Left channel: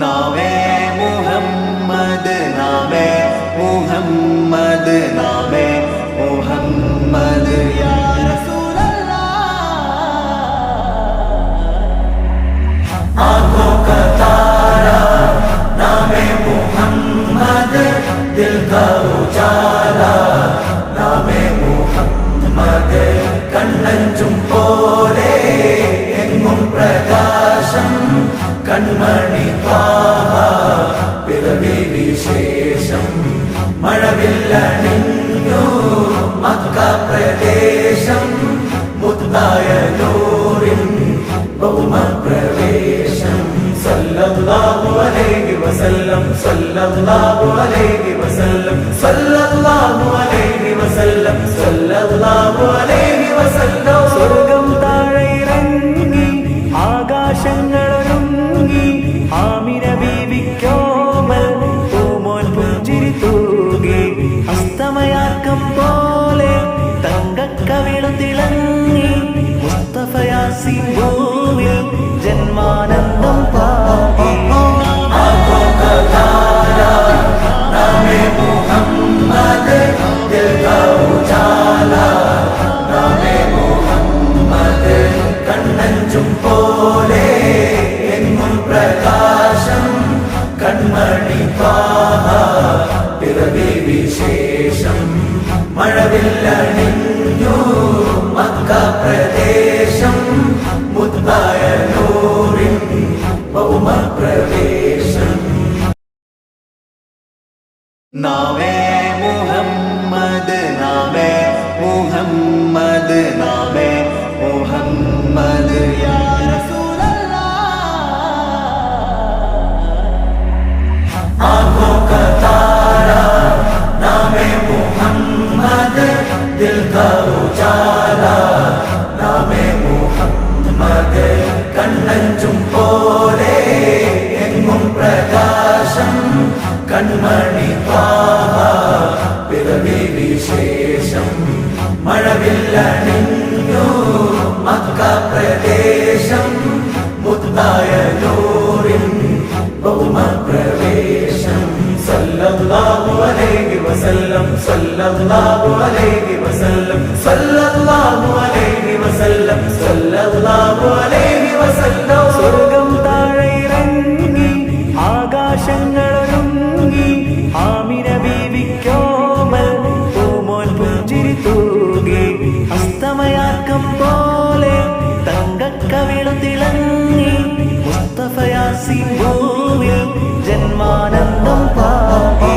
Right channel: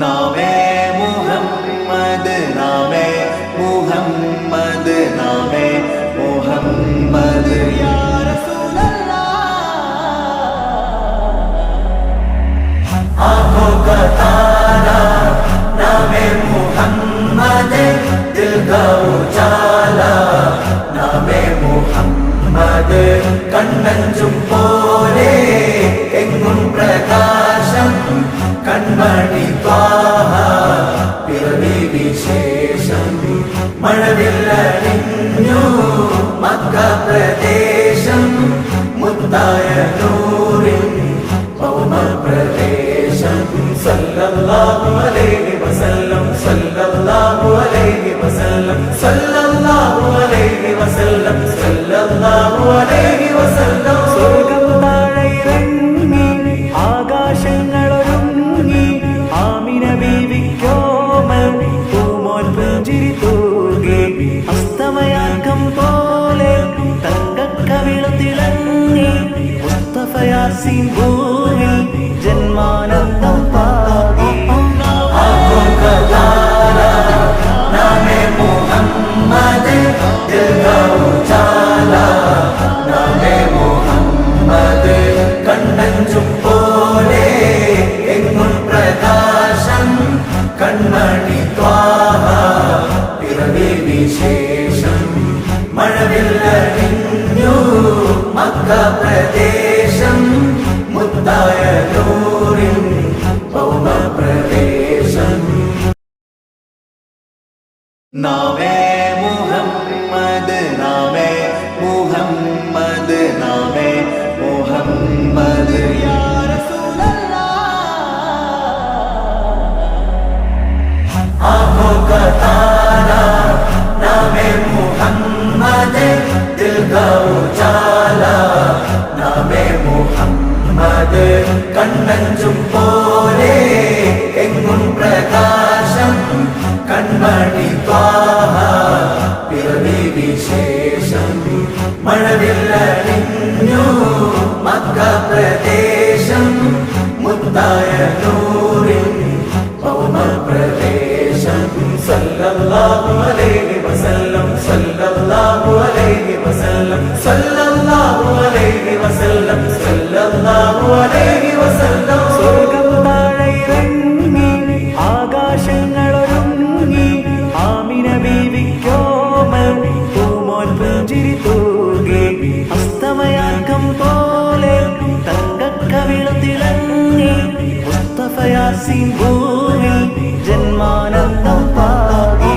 നാമേ മുഹമ്മദ് നാമേ മുഹമ്മദ് നാമേ മുഹമ്മദ് യാ റസൂലല്ലാഹ് ആँखों का तारा नामे मुहम्मद दिल का उजाला नामे मुहम्मद കണ്ണഞ്ചും പോലെ എങ്ങും പ്രകാശം കൺമണി ത്വാഹ പിറവി വിശേഷം മഴവില്ലണിഞ്ഞു മക്ക പ്രദേശം മുത്തായ നൂറിൻ ഭൗമ പ്രവേശം സല്ലല്ലാഹു അലൈഹി വസല്ലം സല്ലല്ലാഹു അലൈഹി വസല്ലം സല്ലല്ലാഹു അലൈഹി വസല്ലം സല്ലല്ലാഹു അലൈഹി വസല്ലം സ്വർഗം താഴെ ഇറങ്ങി ആകാശങ്ങളൊരുങ്ങി ആമിന ബീവിക്കോമൽ പൂമോൻ പുഞ്ചിരി തൂകി അസ്തമയാർക്കം പോലെ തങ്കക്കവിളു തിളങ്ങി മുസ്തഫ യാസീൻ ഭൂവിൽ ജന്മാനന്ദം പാകി നാമേ മുഹമ്മദ് ദിൽ കാ ഉജാല നാമേ മുഹമ്മദ് കണ്ണഞ്ചും പോലെ എങ്ങും പ്രകാശം കൺമണി ത്വാഹ പിറവി വിശേഷം മഴവില്ലണിഞ്ഞു മക്ക പ്രദേശം മുത്തായ നൂറിൻ ഭൗമ പ്രവേശം നാമേ മുഹമ്മദ് നാമേ മുഹമ്മദ് നാമേ മുഹമ്മദ് യാ आँखों का तारा नामे मुहम्मद दिल का उजाला नामे मुहम्मद കണ്ണഞ്ചും പോലെ എങ്ങും പ്രകാശം കൺമണി ത്വാഹ പിറവി വിശേഷം മഴവില്ലണിഞ്ഞു മക്ക പ്രദേശം മുത്തായ നൂറിൻ ഭൗമ പ്രവേശം സല്ലല്ലാഹു അലൈഹി വസല്ലം സല്ലല്ലാഹു അലൈഹി വസല്ലം സല്ലല്ലാഹു അലൈഹി വസല്ലം സല്ലല്ലാഹു അലൈഹി വസല്ലം സ്വർഗം താഴെ ഇറങ്ങി ആകാശങ്ങളൊരുങ്ങി ആമിന ബീവിക്കോമൽ പൂമോൻ പുഞ്ചിരി തൂകി അസ്തമയാർക്കം പോലെ തങ്കക്കവിളു തിളങ്ങി മുസ്തഫ യാസീൻ ഭൂവിൽ ജന്മാനന്ദം പാകി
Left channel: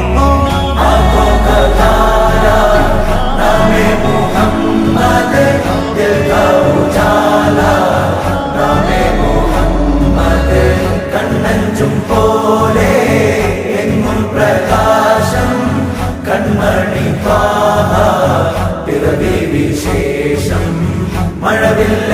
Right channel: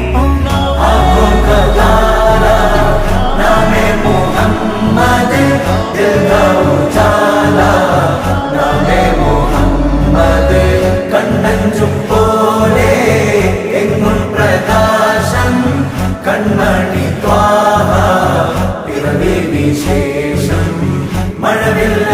നാമേ മുഹമ്മദ് ദിൽ കാ ഉജാല നാമേ മുഹമ്മദ് കണ്ണഞ്ചും പോലെ എങ്ങും പ്രകാശം കൺമണി ത്വാഹ പിറവി വിശേഷം മഴവില്ല